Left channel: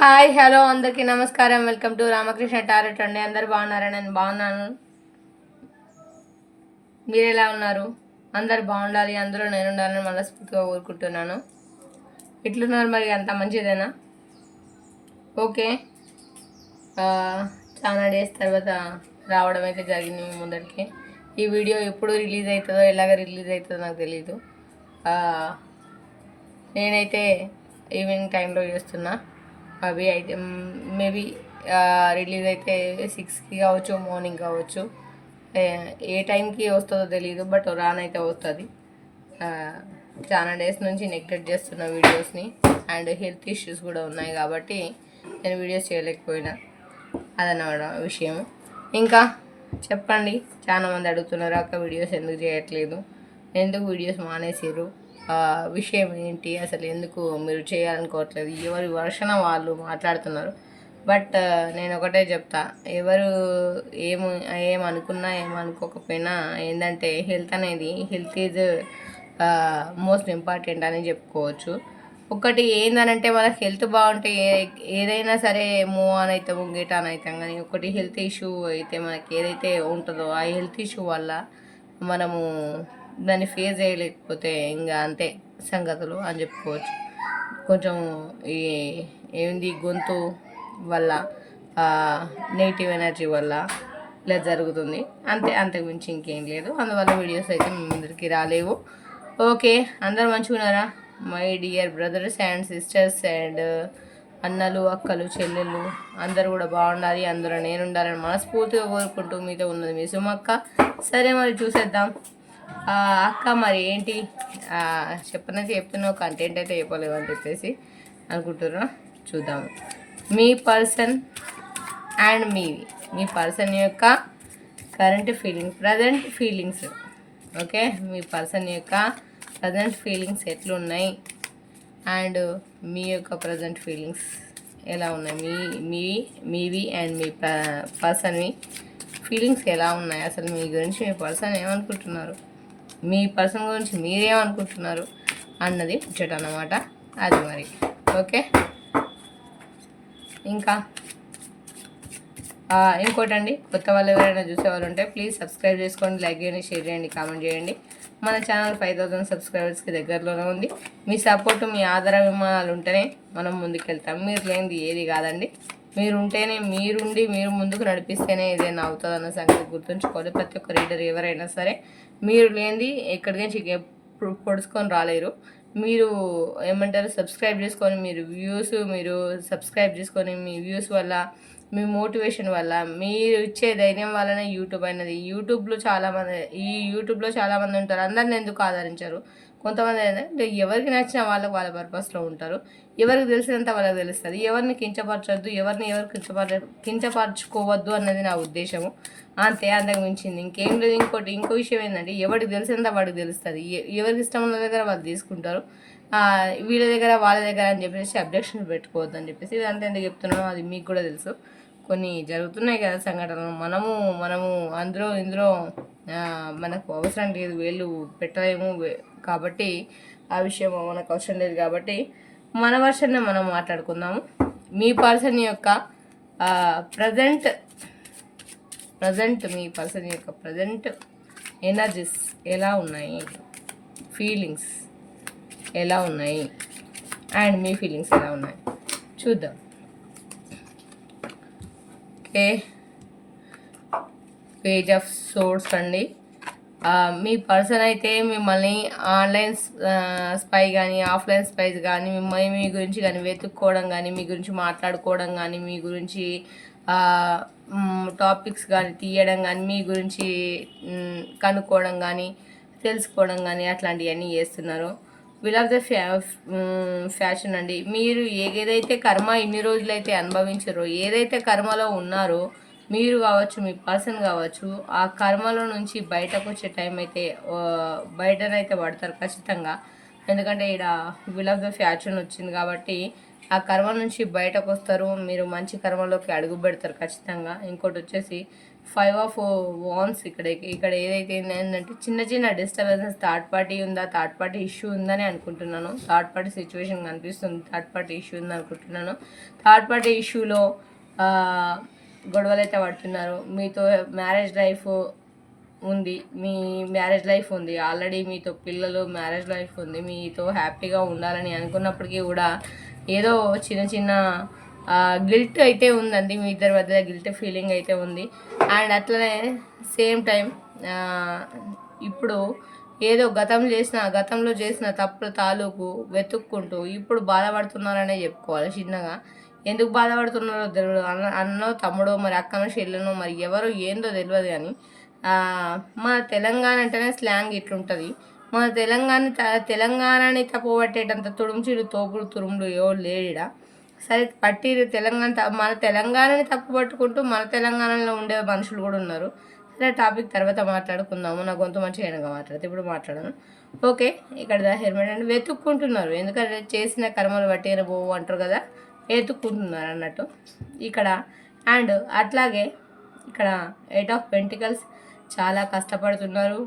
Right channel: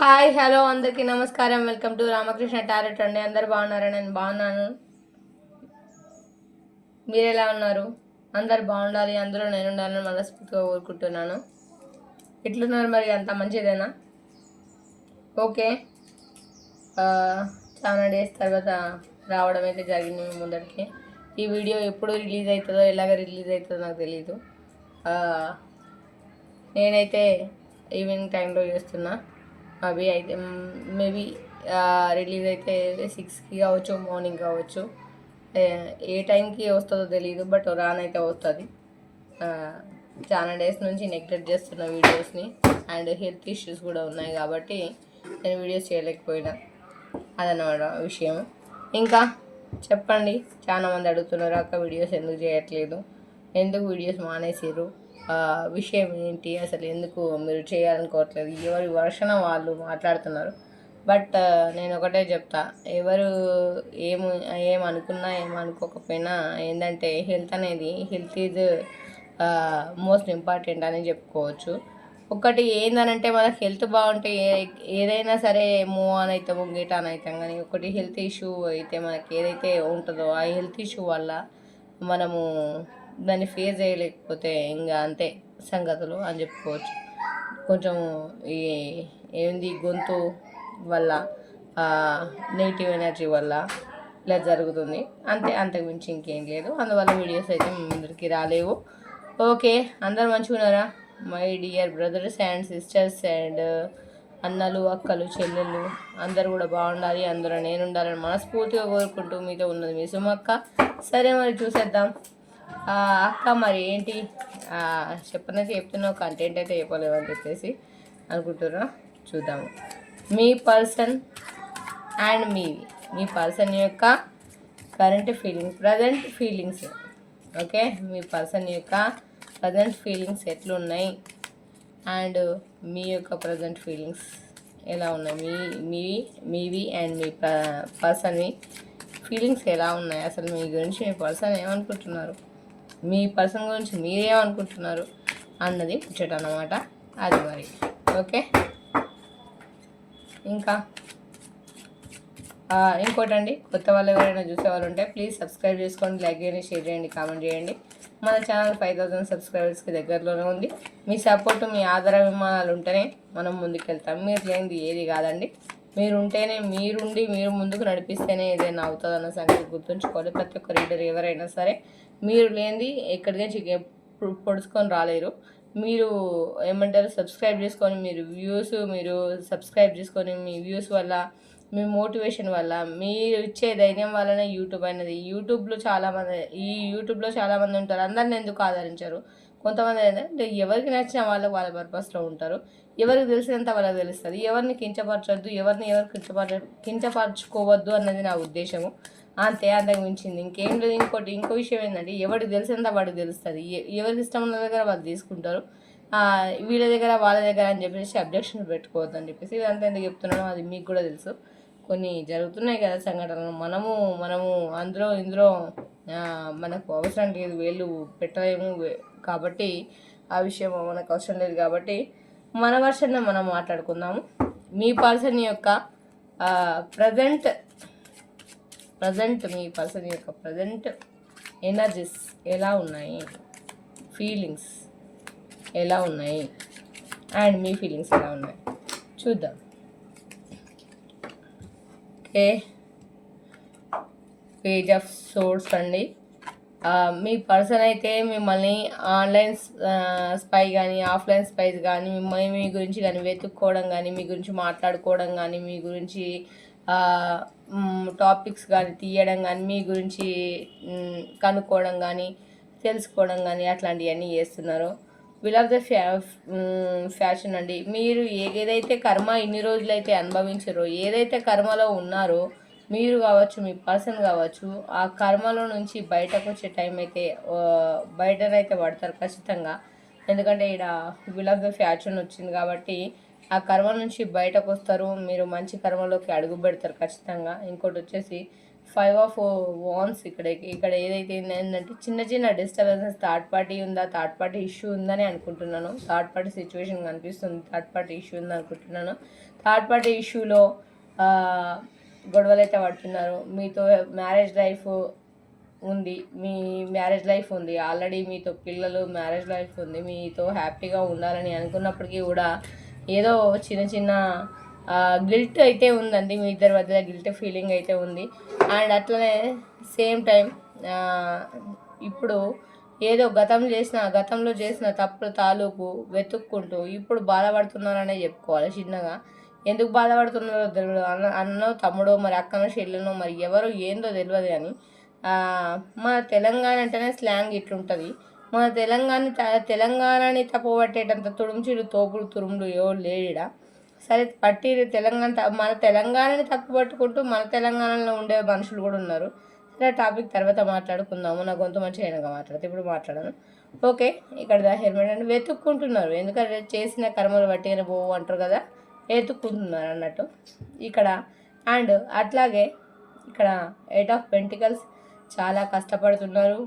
Hi hello అందరికీ నమస్కారం. Welcome to Ramakrishna tarot అండి. అందరు బాగున్నారా? నేను బాగున్నాను. మీరు ఎలా ఉన్నారు? అందరు బాగుండాలి, అందరూ నేను ఉండాలని మనస్ఫూర్తిగా కోరుకుంటున్నాను. ఎట్లున్నారు మరి? అంత మంచిదేనా? ఓకే. చాలా డేస్ తర్వాత రావడం అయితే జరిగింది మీ ముందరికి. ఈ వీడియో ఎప్పుడు రిలీజ్ అవుతుందో, ఎలాగ రిలీజ్ అవుతుందో నాకు తెలీదు. నేనైతే ఈవినింగ్ టైంలో చేస్తున్నా. అవి అయితే మేబీ రిలీజ్ అయితే 6కి కావచ్చు, మార్నింగ్ కావచ్చు. ఏ టైంకి వస్తుందో తెలియదు, బట్ రానైతే వస్తుంది. చాలా డేస్ నుంచి నెగ్లెక్ట్ చేస్తున్న వీడియోస్ని, అండ్ హెల్త్ ఇష్యూస్ కూడా ఉన్నాయి కాబట్టి నేను వీడియోస్ చేయలేకపోయినా. అదన్నమాట విషయం. ఇంకా చెప్పండి, చాలామంది అడుగుతున్నారు అక్క వీడియోస్ ఎందుకు చేయట్లేదు, ఎందుకు వీడియోస్ మానేసారు, విషయం ఏంటి, అసలు ఎందుకు మీరు చేయాలనుకోవట్లేదు, ఎవరి వర్షన వాళ్ళు మాట్లాడుతున్నారు. బట్ నేను ఒకటే చెప్తా, ఎవరు ఏమనుకున్నా ఏమనుకోకపోయినా ఏంటంటే హెల్త్ ఈజ్ మోస్ట్ ఇంపార్టెంట్ అని చెప్పుకోవచ్చు. ఒకటి ఏందనంటే మనకు హెల్త్ బాగుంటే ఏదైనా సరే మూవ్ ఆన్ అవుతాము, గెట్ ఆన్ అవుతాం. కానీ ఒకటి హెల్త్ ఇష్యూ అయితే మనకి ఏదైతే ఉంటుందో ఆ హెల్త్ ఇష్యూ వల్ల మనము దాన్ని ఫేస్ చేయలేకపోతే ఇంకా అంతే సంగతులు అని చెప్పుకోవచ్చు. కొంచెం ఈ ఏంది గొంతు వల్ల, నెగిటివ్ ఎనర్జీ వల్ల ఇలా జరుగుతుంది అంతే, అంతకుమించి ఇంకేం లేదు. అందువల్ల వీడియోస్ అయితే మీ ముందరికి రాలేవు. ఓకే, అందరు మంచిగా ఉన్నారా? My dear brothers and sisters and అన్నలు, అక్కలు, చెల్లెళ్ళు అందరూ కూడా బాగుండాలి, అందరూ నేను ఉండాలని మనస్ఫూర్తిగా కోరుకుంటూ మీతో ఉన్నది మీ సుమక్క. సరే మరి చూసేద్దాం. అక్క మరి ఏంటి చెప్పనైతే చెప్తున్నావు, కంటెంట్ అయితే చెప్పలేవు అని చెప్పేసి అనుకుంటున్నా. చూద్దాము. మీ పర్సన్ అండ్ మీ పర్సన్ యొక్క current feelings, present feelings. Okay, మీ పర్సన్ యొక్క ప్రజెంట్ ఫీలింగ్స్ ఎట్లున్నాయి అండ్ మీ యొక్క ప్రజెంట్ ఫీలింగ్స్ ఎలా ఉన్నాయి, మీవి అండ్ మీ పర్సన్వి ఫీలింగ్స్ ఎలా ఉన్నాయి, అసలు మీ గురించి మీ పర్సన్ ఏమనుకుంటున్నారు, మీ పర్సన్ గురించి మీరేమనుకుంటున్నారు అన్నది ముచ్చట అన్నమాట. అది మరి ఓకే. ఇంకా ఇంకోటండి, కొత్త వాళ్ళు ఎవరైనా చూసేవాళ్ళు ఉంటే ప్లీజ్ సబ్స్క్రైబ్ చేసుకోండి, లైక్ చేయండి, షేర్ చేయండి, కామెంట్ చేయండి. మన ఛానల్ 5000 సబ్స్క్రైబర్స్కి దగ్గరలోనే ఉంది. మీ సపోర్టు, మీ ఆదరాభిమానాలు ఉంటేనే మనం ముందుకెళ్తాం. మీరు లేనిది ఏది కాదండి. మీరుంటేనే, మీరు ముందుకు నడిపిస్తేనే ఏదైనా అవుతుంది అన్న సంగతి గుర్తుంచుకోవాలి. ప్రతి ఒక్క రీడర్ ఎవరైనా సరే మీరు లేనిది ఎక్కడికి నుంచి పొడుచుకొని రాలేరు. మీరు ఏమంటారు, సబ్స్క్రైబ్ చేసుకొని మీరు సబ్స్క్రైబ్ చేసుకొని మీ వ్యూస్ వల్ల, మీ మోటివేషన్ వల్ల, మీరు ఇచ్చే ధైర్యం వల్లనే యూట్యూబ్ అనేది. యూట్యూబ్లో చాలామంది ఉంటారు, అందరిని ఎందుకు ఆదరించారు. కొంతమంది ఏంటంటే ఎవరికి నచ్చిన వాళ్ళ పర్పస్లో ఉంటారు. ఎవరికి తెలిసినంత వాళ్ళకి తెలుస్తుంది. ఎవరిని కించపరచొద్దు, ఎవరు కించపరచుకోవద్దు అన్నది నా ఉద్దేశము. అంతే, అంతకు మించింది ఇంకేం లేదు. ఇంకో విషయం ఏంటంటే ఎవరికి తెలిసినంత వాడికి తెలుస్తుంది. ఎవరికి ఇష్టం ఉన్న దగ్గర వాళ్ళు తీసుకుంటారు. వీళ్ళ దగ్గర వాళ్ళ దగ్గర అని చెప్పేసి అబ్జెక్షన్ పెట్టుకోవద్దు అని చెప్పేసి ఇదంతా ఎందుకు చెప్తున్నానో అది మీకు కూడా తెలుసు. కొన్ని జరుగుతున్నాయి కదా సంఘటనలు, మనము ఇందులో మనకు అవసరం లేదు, వేళ్ళు పెట్టలేము కాబట్టి ఆ విషయం మనకు అవసరం లేదు కాబట్టి మన వర్షన్నే మనం మాట్లాడుకుందాము. మీ పర్సన్ యొక్క మీ పర్సన్ యొక్క ప్రజెంట్ ఎనర్జీస్ ఎలా ఉన్నాయి, ఫీలింగ్స్ ఎలా ఉన్నాయి అండ్ మీ ఫీలింగ్స్ ఎలా ఉన్నాయి చూద్దాం. ఓకే, పేజ్ ఆఫ్ సోర్స్ అండి. మీ పర్సన్ అయితే మిమ్మల్ని ఆన్లైన్ స్పై కానీ, ఆఫ్లైన్ స్పైస్ కానీ, మిమ్మల్ని మీ గురించి కానీ వెతుక్కోవడం కానీ, మీ గురించి మాట్లాడుకోవడం కానీ, మీ గురించి టాపిక్స్ కానీ తీయడం కానీ, మీ గురించి కనుక్కోవడం కానీ, తెలుసుకోవడం కానీ అట్లాంటివన్నీ చేస్తున్నారు. విల్ ఆఫ్ ద ఫ్యాషన్ అండి. మీరు ఏదైతే కర్మ ఇన్ని రోజులైతే అనుభవించారో, ఏదైతే కర్మలో ఉన్నారో మీరు కావచ్చు, మీ పర్సన్ కావచ్చు, ఆ కర్మలో నుంచి బయటకు వచ్చే టైం అయితే బయటనైతే పడతారు ఖచ్చితంగా. ఎందుకంటే ఇక్కడ విల్ ఆఫ్ ద ఫ్యాషన్ వచ్చింది కాబట్టి ఆ కర్మ నుంచి బయటకు వస్తారు. మీరు మంచి కర్మలోకి అడుగు పెడతారు ఖచ్చితంగా. ఇంకోటి వచ్చేసి 5 ఆఫ్ వాన్స్. ఇక్కడ ఏదైతే ఏంటంటే చిన్న చిన్న డిస్టర్బెన్సెస్, థర్డ్ పార్టీ ఇష్యూ ఉందని అనుకుంటున్నాను. థర్డ్ పార్టీ సిచ్యువేషన్ కనిపిస్తుంది, థర్డ్ పార్టీ ఇష్యూ ఉంది అనుకుంటున్నాను. థర్డ్ పార్టీ ఇష్యూలో గొడవలు అయితే పడుతున్నారు. మీతో మ్యారేజ్ లైఫ్ ఉంది, మీ మ్యారేజ్ లైఫ్ ఉంది ఆల్రెడీ, మీతో పిల్లలు, మ్యారేజ్ లైఫ్ ఉంది, మీతో హ్యాపీగా ఉండాలని అనుకున్నప్పటికీ కూడా ఏదో చిన్న చిన్న గిల్ట్ అయితే ఉందండి. మీ ఇద్దరి మధ్య గిల్ట్ ఫీలింగ్ అయితే ఉంది. అండ్ అట్లనే సేమ్ టైం ఇప్పుడు ఏదో గతంలో చేసిన తప్పుల తాలూకు వెతుక్కుంటూ ఇప్పుడు బాధపడుతున్నారనే చెప్పుకోవాలి చిన్నగా. ఎందుకు బాధపడుతున్నారో తెలియదు. అన్నో తమ్ముడో మరి అక్కనో చెల్లెనో మరి ఎవరో ఏందో తెలియదు. కానీ మన తెలంగాణ అంటేనే స్లాంగ్ ఇట్లుంటుంది. మన తెలంగాణని తప్పుపట్టేటంత తుడుముచీలు తోపుడు తురుములు ఎవరు లేడా. సరే పట్టిరు మన తెలంగాణని తప్పు పట్టుకుంటూ మన తెలంగాణలో ఉండే మనుషులు కూడా ఉన్నారు. సరే టాపిక్ తర్వాత మాట్లాడుకుందాము. నా గొంతు మంచిగా అయినాక మాట్లాడితే ఇప్పుడు మాట్లాడను. ఓకే, ఇక్కడ హెల్మెట్ అంటే వెతుక్కుంటున్నారు. ఎందుకంటే చేసిన కర్మలు బట్టి పోవు అంటారు కదా, వెతుక్కుంటున్నారు అన్నట్టు ఇక్కడ. అండ్ అట్లాగే ఇక్కడ 8 ఆఫ్ పెంటికల్స్ చాలా కష్టపడుతున్నారు.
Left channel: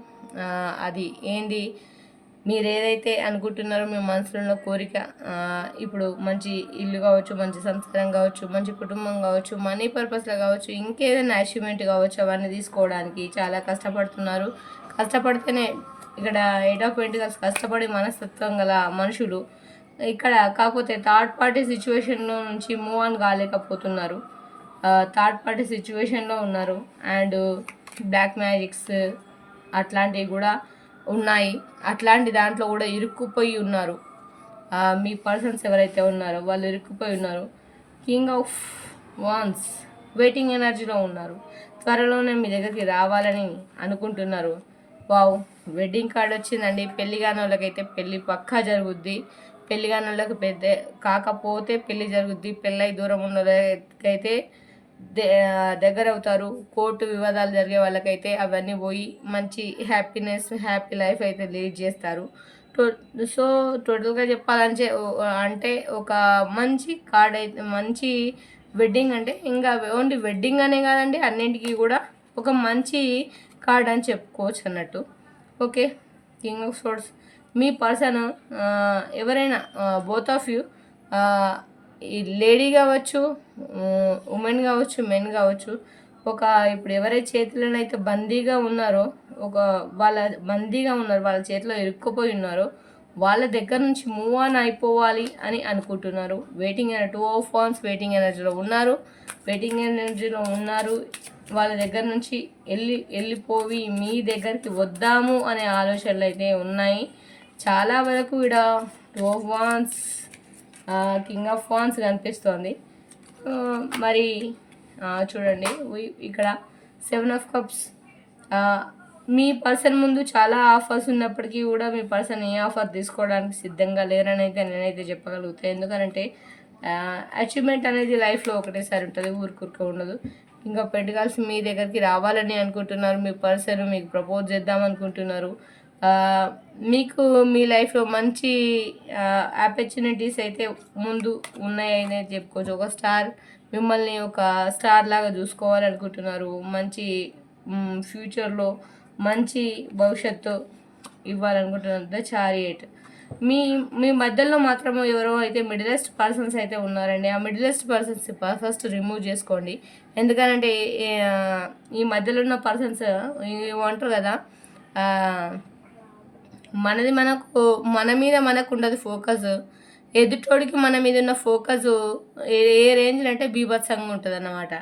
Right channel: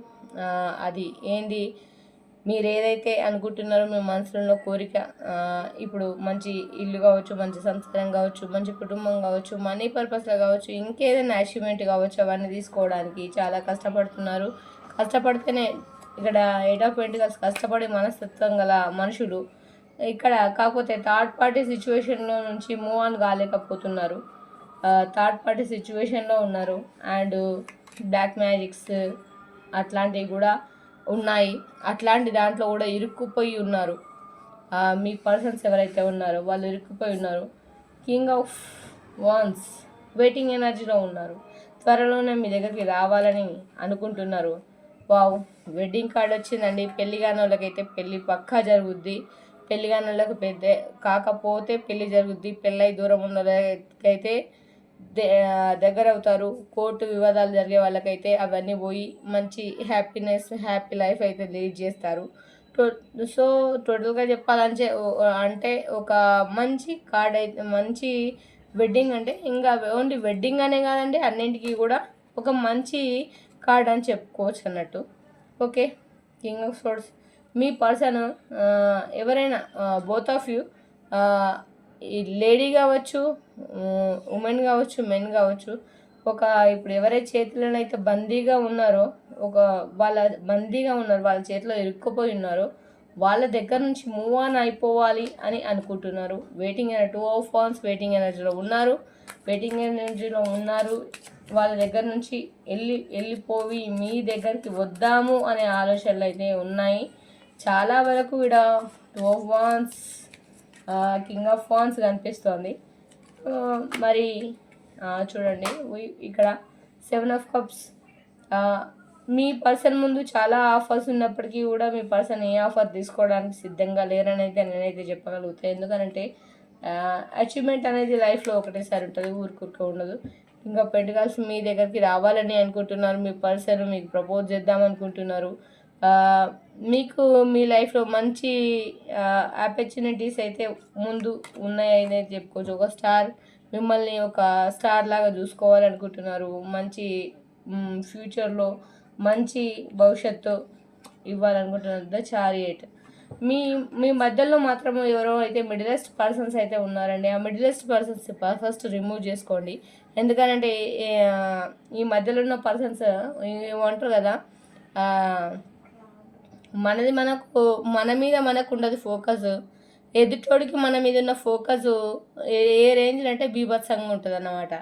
అది ఏంది, మీరు ఏదైతే అనుకుంటున్నారో మీ మనసులో కోరిక, ఇప్పుడు మంచి ఇల్లు కావచ్చు, మంచి సంస్కారం కావచ్చు, మంచి కుటుంబం కావచ్చు, మనీ పర్పస్లో కావచ్చు, ఇంకేదైనా అచీవ్మెంట్ కావచ్చు, అవన్నీ తీసుకోవడానికి చాలా కష్టపడుతున్నారు. కష్టపడితేనే ఇక్కడ 8 ఆఫ్ పెంటికల్స్ కష్టపడి మనస్తత్వం గల మనుషులు ఇక్కడ. కాకపోతే థర్డ్ పార్టీ సిచ్యువేషన్లో నుంచి మూవ్ ఆన్ కాలేకపోతున్నారు. థర్డ్ పార్టీ సిచ్యువేషన్లో ఉన్నారు. అండ్ బ్లాక్ మ్యాజిక్స్ అట్లాంటివి కూడా ఉన్నాయి. అట్లాంటి దాంట్లో కూడా ఇరుక్కుపోయి ఉన్నారు. మీ పర్సన్స్ ఎవరైతే ఉన్నారో వాళ్ళు ఇరుక్కుపోయి ఉన్నారు. కింగ్ ఆఫ్ వాన్స్ వెయిటింగ్ ఎనర్జీలో ఉన్నారు. త్వరలోనే మీ దగ్గరికి రావాలని అనుకుంటున్నారు. వావ్, వెడ్డింగ్ కార్డ్ వచ్చిందండి. పెళ్లి కాని వాళ్ళకైతే పెళ్ళి పక్కా జరుగుద్ది. పెళ్లి కాని వాళ్ళకి కాకపోతే పెళ్ళి జరుగుద్ది. పెళ్ళై దూరం ఉన్న వాళ్ళకైతే దగ్గర అవుతారు. కోర్టు వివాదాలు జరిగే వాళ్ళకైతే అవన్నీ పోయి మంచి హ్యాపీ లైఫ్ అయితే లీడ్ చేస్తారు. సో టోటల్గా చెప్పాలంటే అంటే ఒక మంచి కార్డ్ అయితే, మంచి వెడ్డింగ్ అంటే ఇంకా ఓన్లీ వెడ్డింగ్ అనే కాదండి, అన్నింటికి కూడా ఒక మంచి కార్డ్ అని చెప్పుకోవచ్చు అన్నట్టు. Okay, king of swords me person ఎవరైనా బోత్ ఆఫ్ యూ, ఈ లేడీ కావచ్చు, ఉమెన్ కావచ్చు, మెన్ కావచ్చు, ఇప్పుడు ఎవరైతే చేతులనైతే బందీగా ఉన్నారో, వాళ్ళ చేతిలో ఇరుక్కుపోయి ఉన్నారో వాళ్ళ దగ్గర నుంచి మూవ్ ఆన్ అయిపోవాలి అని అనుకుంటున్నారు. 2 ఆఫ్ వాన్స్ వెయిటింగ్ ఎనర్జీలో ఉన్నారు. వాళ్ళ దగ్గర నుంచి వెళ్ళిపోయి మీ దగ్గరికి వద్దాము అనే ఆలోచనలు అయితే ఉన్నాయి. చాలా వరకు ఇక్కడ 2 of wands, king of wands కనిపిస్తోంది. మరి చూడండి ఇక్కడ 7 ఆఫ్ కప్స్. మీ పర్సన్ ముందు చాలా ఆఫర్స్ ఉన్నప్పటికీ కూడా మీ పర్సన్ ఏ ఆఫర్ తీసుకోవడానికి సిద్ధంగా లేరని అయితే నేనైతే చెప్పగలుగుతాను. ఎందుకంటే అచీవ్మెంట్ అనేది లైఫ్లో ఒకటేసారి ఉంటుంది, ఊరికూరికే ఉండదు. ఇంకా పెంటికల్స్ మీ దగ్గరికి రావాలని అనుకుంటున్నారు. మీ పర్సన్ మీకు ప్రపోజ్ చేద్దాం అనుకుంటున్నారు. మీకు మీ లైఫ్లో మంచి ఆపర్చునిటీస్ అయితే ముందు ఉన్నాయని చెప్పుకోవచ్చు. ఒక స్టార్ మిమ్మల్ని ఒక స్టార్ లాగా చూసుకోవాలనుకుంటున్నారు. మంచి ఫ్యూచర్లో మంచి భవిష్యత్తు ఇవ్వాలనుకుంటున్నారు. ద చారియట్ మీ మధ్యలో మాత్రం ఎవరో అయితే మిడిలెస్ట్ పర్సన్స్ అయితే ఉన్నారండి. ఆ మిడిలెస్ట్ పర్సన్స్ ఫస్ట్ రిమూవ్ చేసుకోండి. ఎందుకనంటే ఈ మధ్యలో ఉన్న పర్సన్స్ ఏమంటారు కదా, మన మీద మనకు ఉండదు ఫోకస్. ఎదుటోడికి మన మీద ఉన్న ఫోకస్ ఏ రేంజ్లో అంటే బీభత్సంగా ఉంటుంది అన్నమాట.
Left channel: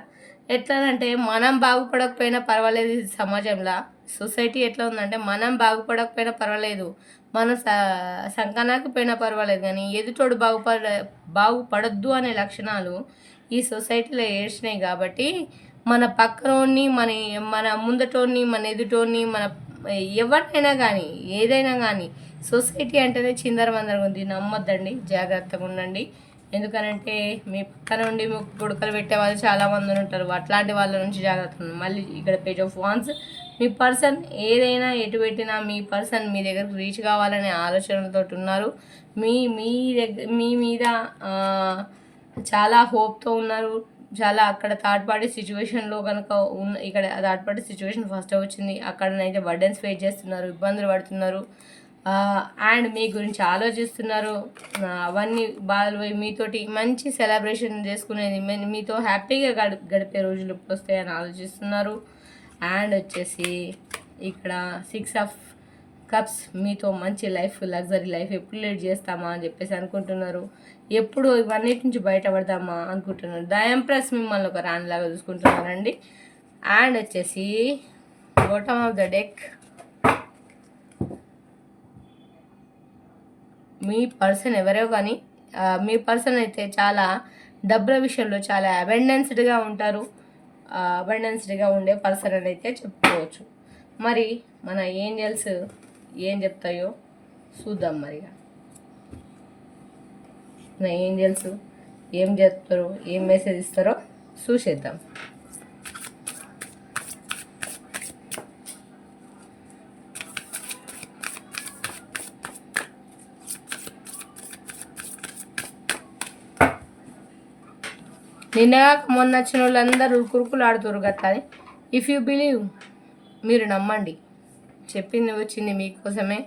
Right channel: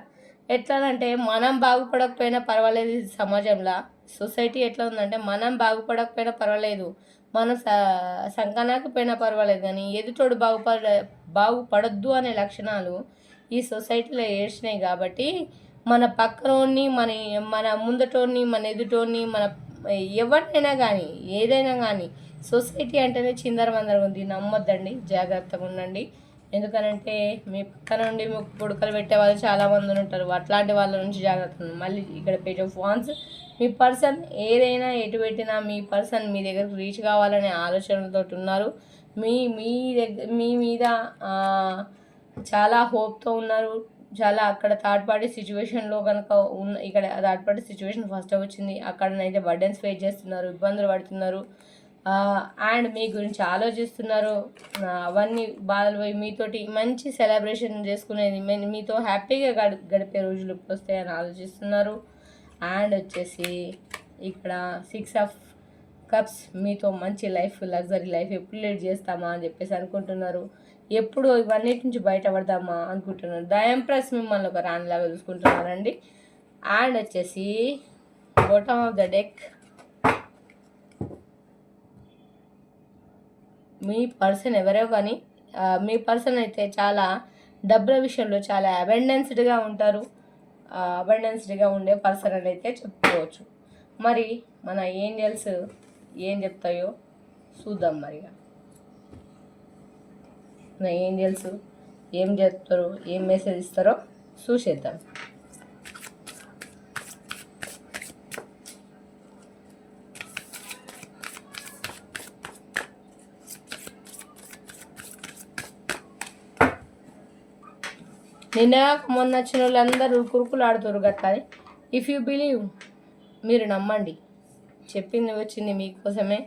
ఎట్లానంటే మనం బాగుపడకపోయినా పర్వాలేదు, సమాజంలో సొసైటీ ఎట్లా ఉందంటే మనం బాగుపడకపోయినా పర్వాలేదు, మన సంకనాకపోయినా పర్వాలేదు, కానీ ఎదుటోడు బాగుపడద్దు అనే లక్షణాలు ఈ సొసైటీలో ఏడ్చినాయి. కాబట్టి మన పక్కనోడిని, మన ముందటోడిని, మన ఎదుటోడిని, మన ఎవరినైనా కానీ ఏదైనా కానీ సొసైటీ అంటేనే చిందరవందరగా ఉంది. నమ్మొద్దండి, జాగ్రత్తగా ఉండండి. ఎందుకనంటే మీ పక్కన ఉండి మీకు పుడకలు పెట్టే వాళ్ళు చాలామంది ఉంటారు. అట్లాంటి వాళ్ళ నుంచి జాగ్రత్త. మళ్ళీ ఇక్కడ page of wands me person ఏదైనా ఎటు పెట్టినా మీ పర్సన్ మీ దగ్గరకు రీచ్ కావాలనే ఆలోచనలతో ఉన్నారు. మీ మీద చాలా హోప్తో ఉన్నారు. చాలా అక్కడ థర్డ్ పార్టీ సిచ్యువేషన్లో కనుక ఇక్కడ థర్డ్ పార్టీ సిచ్యువేషన్ ఫస్ట్ వచ్చింది. అక్కడనైతే బర్డెన్స్ ఫేస్ చేస్తున్నారు, ఇబ్బందులు పడుతున్నారు, అండ్ మీ గురించి ఆలోచిస్తున్నారు. అవన్నీ బాధలు పోయి మీతోటి మంచి సెలబ్రేషన్ చేసుకునేది, మీతో హ్యాపీగా గడిపే రోజులు వస్తాయని ఆలోచిస్తున్నారు. అండ్ వచ్చేసి ఇక్కడ 6 ఆఫ్ కప్స్, మీతో మంచి లైఫ్, లగ్జరీ లైఫ్ ఎప్పుడు లీడ్ చేస్తామా అని చెప్పేసి అనుకుంటున్నారు. ఎప్పుడు ఇవన్నిటి నుంచి బయటపడదామా అనుకుంటున్నారు. ద ఎంప్రెస్ మిమ్మల్ని ఒక రాణిలాగా చూసుకుంటున్నారండి. అండ్ వచ్చేసి bottom of the deck, me person ఎవరో కానీ మీ పర్సన్ అయితే చాలా డబ్బుల విషయంలో చాలా అబెండెన్స్డ్గా ఉంటారు. అబెండెన్స్డ్గా ఉండే పర్సన్ అని అయితే చెప్పుకోవచ్చు. మరి మన ఏంజల్స్ ఏం చెప్తాయో చూద్దాం. మరిగా మన ఏంజల్స్ ఏం చెప్తారో, ఏం మెసేజ్ ఇస్తారో చూసేద్దాం. నిన్నగా మొన్న వచ్చిన వాళ్ళందరూ కురుకులు ఆడుతారు గట్లని. ఇఫ్ యూ బిలీవ్, మీరు నమ్మండి, చెప్పింది వచ్చింది మీకోసమే.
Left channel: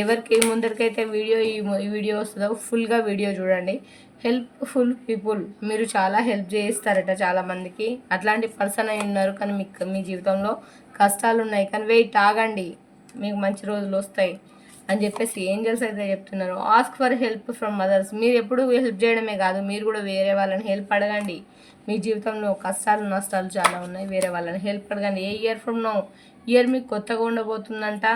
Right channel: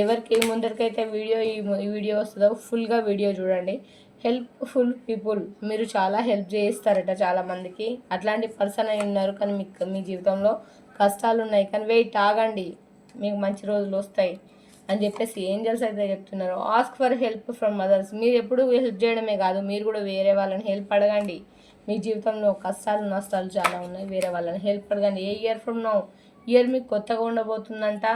ఎవరికి ముందరికైతే ఈ వీడియో వస్తుందో ఫుల్గా వీడియో చూడండి. హెల్ప్ఫుల్ పీపుల్, మీరు చాలా హెల్ప్ చేస్తారట చాలామందికి. అట్లాంటి పర్సన్ అయి ఉన్నారు, కానీ మీ జీవితంలో కష్టాలు ఉన్నాయి. కానీ వెయిట్, ఆగండి, మీకు మంచి రోజులు వస్తాయి అని చెప్పేసి ఏంజల్స్ అయితే చెప్తున్నారు. Ask for help from others, మీరు ఎప్పుడు హెల్ప్ చేయడమే కాదు, మీరు కూడా వేరే వాళ్ళని హెల్ప్ అడగండి. మీ జీవితంలో కష్టాలు నష్టాలు చాలా ఉన్నాయి, వేరే వాళ్ళని హెల్ప్ అడగండి. ఏ ఇయర్ ఫ్రమ్ నో, ఇయర్ మీకు కొత్తగా ఉండబోతుందంట.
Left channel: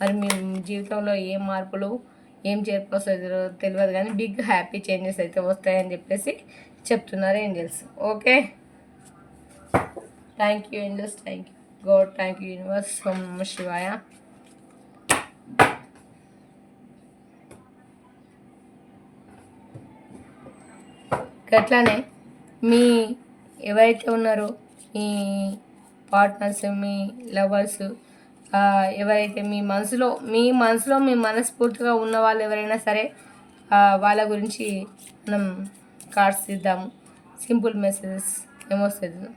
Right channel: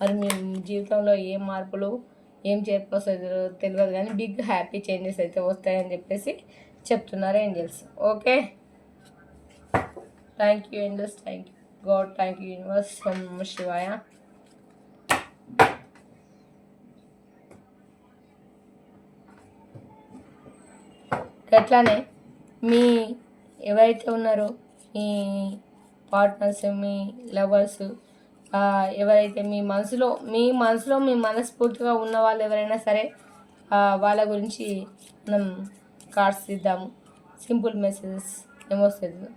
మరి మీ జీవితంలో ఏం మార్పులు, ఏం చేర్పు వస్తుందో తెలియదు, కానీ బిగ్ హ్యాపీ చేంజెస్ అయితే వస్తాయని చెప్పేసి చెప్తున్నారు angels. Okay, thank you angels, thank you God, thank you universe, ఓం నమః శివాయ. అట్లానే మీ ఎవరైతే ఉన్నారో మీ పార్ట్నర్స్, మీ లవర్స్, ఎవరైతే మీ మనసులో మీ మనస్ఫూర్తిగా ఉన్న వాళ్ళు ఎవరైనా సరే, వాళ్ళ గురించి మనం కార్డ్స్ ఇద్దాము. సింపుల్ మెసేజెస్ ఏమొస్తుంది.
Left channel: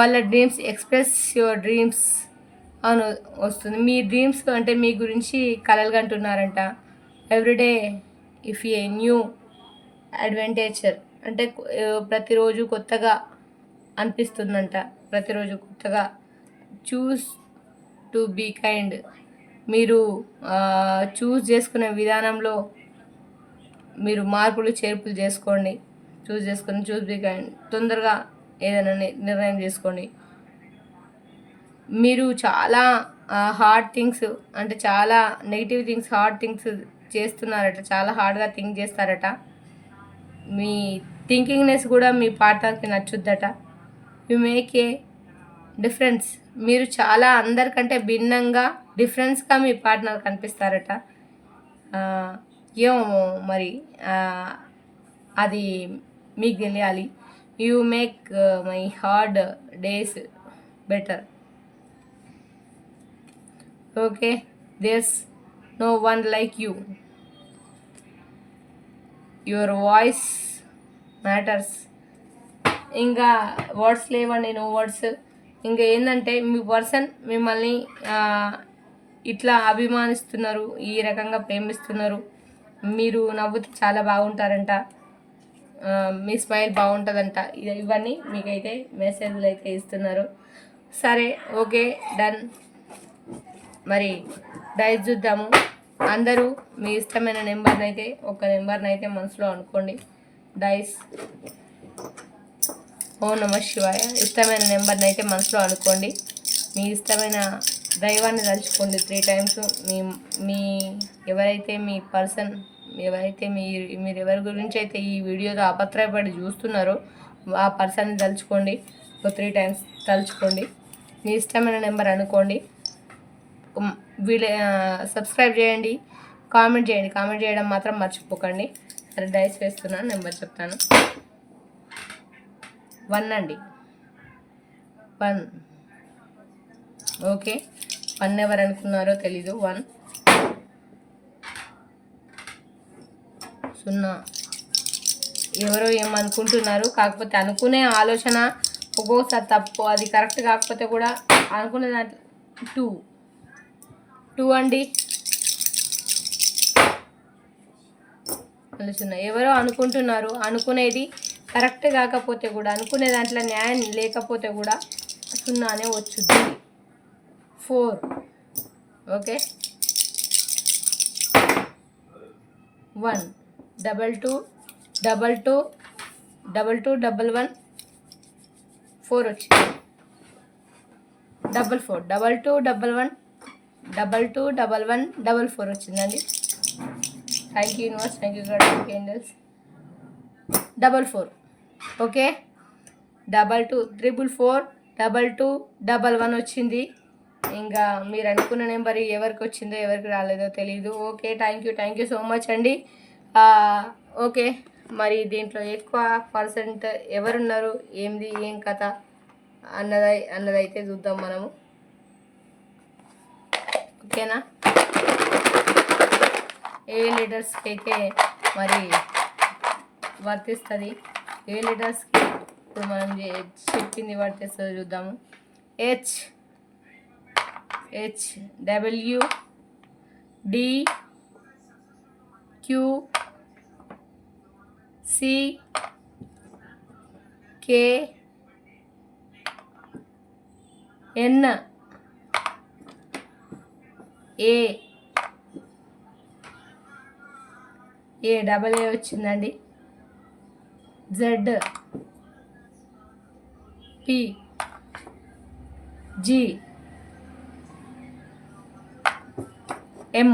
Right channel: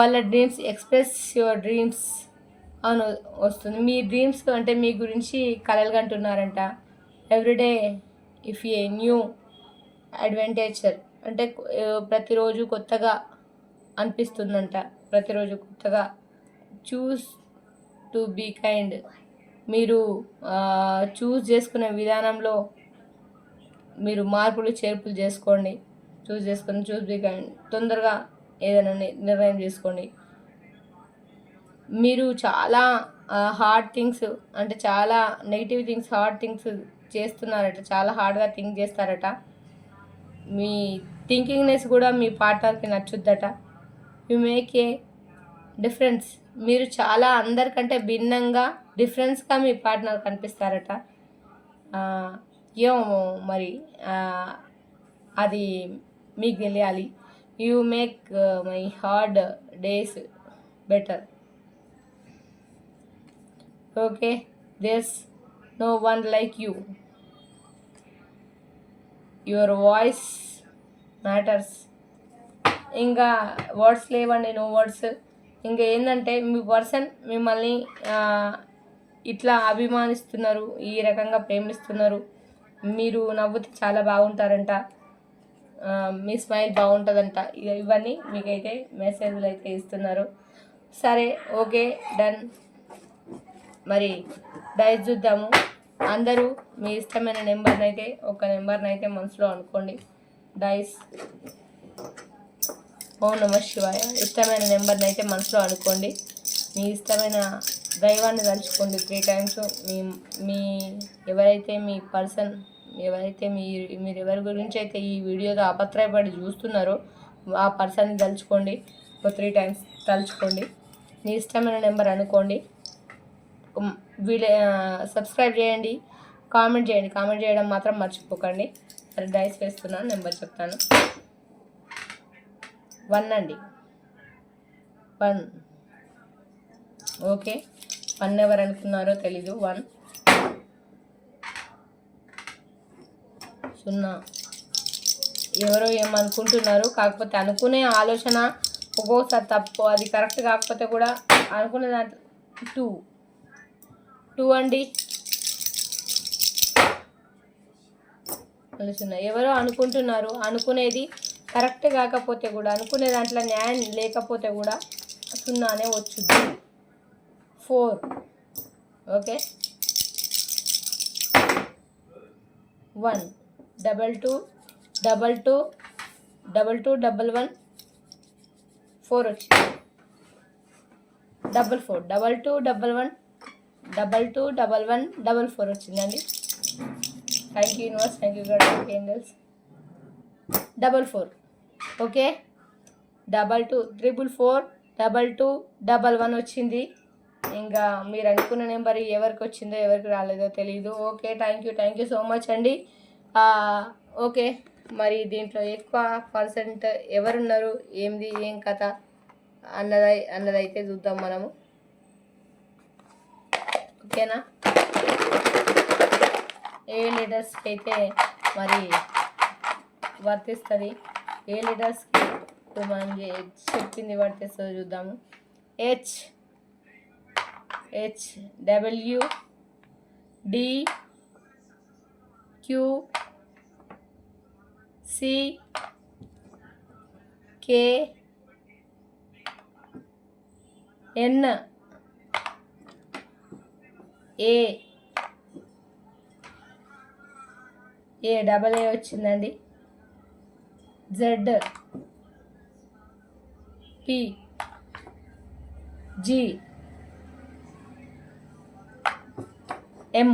వాళ్ళ డ్రీమ్స్, ఎక్స్ప్రెస్ యువర్ డ్రీమ్స్ అని వస్తుంది. మీ డ్రీమ్స్ అంటే మీ గురించి కలలు కంటున్నారంట. Everyday if a new adventure, అంటే ప్రతిరోజు కొత్తగా అనిపిస్తుందంట, ప్రతిరోజు కొత్తగా. చూస్ టు బీ కైండ్, మీరు చూస్ చేసుకునే విధానంలో మీరు మార్పులు చేర్పులు చేసుకోండి. చూస్ బీ కైండ్, తొందరగా ఏదైనా నిర్ణయం చేసుకోండి. మీరు చాలా హార్డ్ థింగ్స్, అంటే చాలా నెగిటివ్ థింగ్స్, హార్డ్ థింగ్స్ చేస్తున్నారట, చాలా హార్డ్గా థింక్ చేస్తారట. మీ థింకింగ్నెస్ కూడా మీ పార్ట్నర్కి నచ్చుద్దట. యు మేక్ ఏ డిఫరెన్స్, మీరు చాలా అందరికంటే భిన్నంగా డిఫరెన్స్గా మీ పార్ట్నర్ కనిపిస్తారట. ఏమో మరి అది మీకు తెలియాలి. You make my hard days better. Okay, there's no one like you, your voice matters. ఇంకా వర్డ్స్ లేవండి, నో వర్డ్స్. ఇంకా ఏంటంటే మీ పర్సన్ మిమ్మల్ని ఇట్లా అభిమానిస్తున్నారు, ఈ రకంగా ప్రేమిస్తున్నారు. మీరు నవ్వుతే చాలా బాగుంటారంట, మీ స్మైల్ బాగుంటుందంట. ఇవన్నీ మీకైతే మెసేజ్లు అయితే ఇస్తున్నారు. సరే, ఓకే, డన్. మరి డైస్ చూద్దాము. అందరూ మీ ఇష్టమైన నెంబర్ని అయితే, ఒక నెంబర్ని అయితే మనసులో అనుకోండి. డైస్, ఓం నమః శివాయ. ఇష్టమైన నెంబర్ని అయితే మనసులో అనుకోండి. మీ ఇష్టమైన దైవాన్ని తలుచుకోండి 3 times. మీ ఎవరైతే మీ పర్సన్, ఎవరైతే మీరు ఎవరి గురించి అయితే ఈ వీడియోలో అపత్రయపడి చూస్తున్నారో ఆ పర్సన్ని తలుచుకోండి. ఒక 3 times తలుచుకోండి. మీ ఇష్టమైన నెంబర్ అనుకోండి. సబ్స్క్రైబ్ చేయండి, కామెంట్ చేయండి. కామెంట్ చేయడం మాత్రం మర్చిపోకండి. సరే, డైస్ వేస్తున్నాను, నెంబర్ చెప్తాను. 1 అండి, 1. ఓకే, 1 ఎవరు అనుకున్నారో తెలీదు. 1 0 ఎవరో ఏమనుకుంటున్నారు. కాకపోతే అనుకునే ఆలోచన ఒక్కొక్కసారి తప్పు, అది కరెక్ట్ కాకపోతే కూడా అనుకునే దాంట్లో 2 అండి. ఆలోచన ఎవరో అనుకుంటున్నారు, అనుకునేది కరెక్ట్ కాకపోతే కూడా, అనుకునే దాంట్లో న్యాయం లేకపోతే కూడా 0 వచ్చుద్ది. 4 ఓకే. 1 2 2 2 2 1 4 వచ్చింది. 4 2 2 1 2 2 1 4 వచ్చిందండి. Thank you universe, thank you God, thank you angels. 4 okay. 2 4 4 2 1 వచ్చింది. ఇంకా మీరు అనుకున్న నెంబర్ ఎవరికి వచ్చిందో ఎవరికి రాలేదో తెలియదు. Okay, thank you so much అండి. ఓకే, మరి దీంట్లో ఎక్కువ పర్సెంట్ ఎవరున్నారు, ఏంది ఏం కథ అన్నదైతే చూద్దాం మనము. ఓకేనా. ఏ లీటర్స్కి అయితే మరి వర్తిస్తుంది, ఏ లీటర్స్కి ఇప్పుడు మనం చెప్పింది వర్తిస్తుందో చూద్దాము. H W D Q C K N A double A వచ్చిందండి. Z P G M.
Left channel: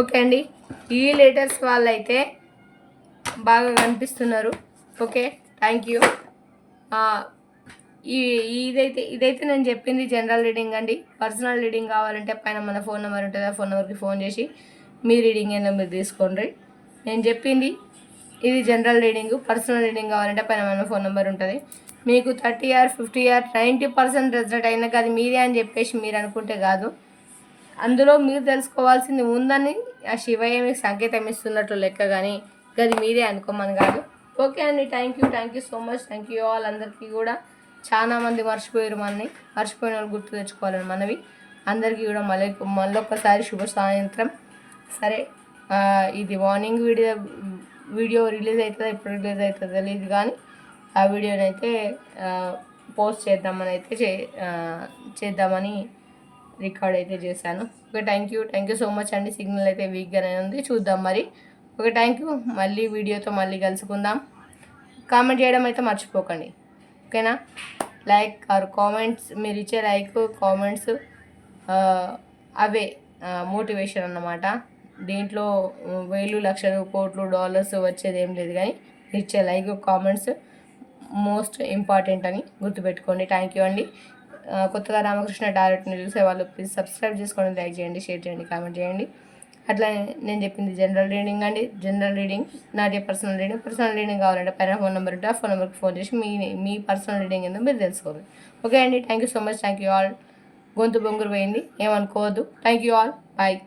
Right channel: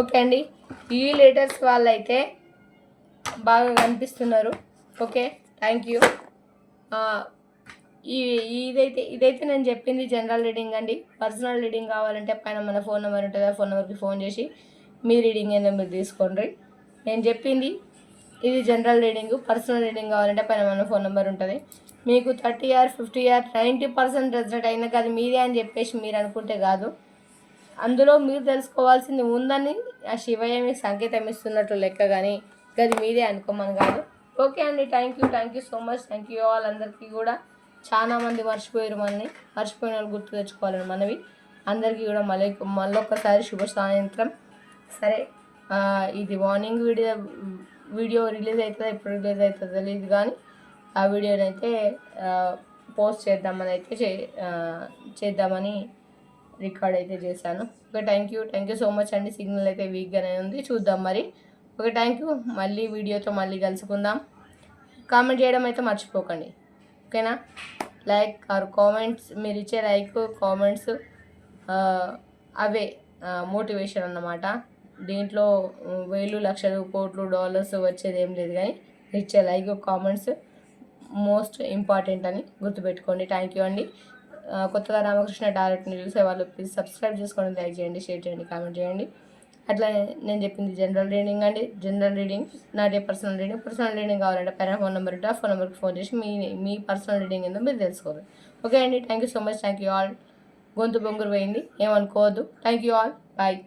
Okay అండి, ఈ లెటర్స్ వాళ్ళైతే బాగా కనిపిస్తున్నారు. Okay, thank you. ఇదైతే నేను చెప్పింది జనరల్ రీడింగ్ అండి. పర్సనల్ రీడింగ్ కావాలంటే పైన మన ఫోన్ నెంబర్ ఉంటుంది, ఆ ఫోన్ నెంబర్కి ఫోన్ చేసి మీ రీడింగ్ ఏందో మీరు తీసుకోండి. నేను చెప్పింది ఇది జనరల్ రీడింగ్. పర్సనల్ రీడింగ్ కావాలంటే పైన మన ఫోన్ నెంబర్ ఉంటుంది. మీకు 30 or 50 or 90% రిజల్ట్ అయినా అది మీదే అని చెప్పేసి మీరు అనుకుంటే కాదు, అందులో మీరు తెలుసుకోవాల్సింది ఉందని ఆ శివయ్య మీకు సంకేతం ఇస్తున్నట్లు లెక్క, కానీ అది మీదే అనుకోమని కాదు. ఓకే అండి, thank you so much, thank you all. అందరికీ కూడా చాలా మంది మర్చిపోయిన వాళ్ళు గుర్తు తెచ్చుకోవాలని మనవి. అందరికీ కూడా మళ్ళొక్కసారి శుభ సాయంత్రం. సరే, ఇది మార్నింగ్ వీడియో రిలీజ్ అవుతుందో ఎప్పుడు రిలీజ్ అవుతుందో తెలియదు, కానీ ఆ వీడియోని అయితే పోస్ట్ చేద్దామని రికార్డ్ అయితే చేశాను. Okay, thank you so much అండి. సిగ్నల్ అయితే వీక్గానే ఉంది, చూద్దాం మరి. Okay, thank you. మళ్ళీ వీడియోతో మళ్ళీ కలుసుకుందాం. కామెంట్ చేయడం అయితే మర్చిపోకండి, ఓకేనా. లైక్ ఆర్ కామెంట్స్, మీరు ఇచ్చే లైక్ కామెంట్స్ అవే మోటివేషన్ అన్నమాట. దీంట్లో వేలు లక్షలు కోట్లు డాలర్స్ వచ్చేది ఏం లేదు, కానీ ఇచ్చే లైక్ కామెంట్స్ మోస్ట్ ఇంపార్టెంట్ అని గుర్తుపెట్టుకోండి. థ్యాంక్ యూ అండి. కొత్తగా రామకృష్ణ టారెట్ని చూసే వాళ్ళు ప్లీజ్ సబ్స్క్రైబ్ చేసుకోండి, లైక్ చేయండి, షేర్ చేయండి, కామెంట్ చేయండి. అట్లా నేను చెప్పింది జనరల్ రీడింగ్ అండి. జనరల్ రీడింగ్ నాదే పర్సనల్ రీడింగ్ కావాలంటే పైన ఫోన్ నెంబర్ ఉంటే ఆ ఫోన్ నెంబర్కి ఫోన్ చేసి మీ పర్సనల్ రీడింగ్ ఏందో మీరు తెలుసుకోవాలి. ఓకే అండి, thank you so much, thank you all. గొంతు బొంగురు పోయింది, ఏమనుకోవద్దు. Thank you all, bye.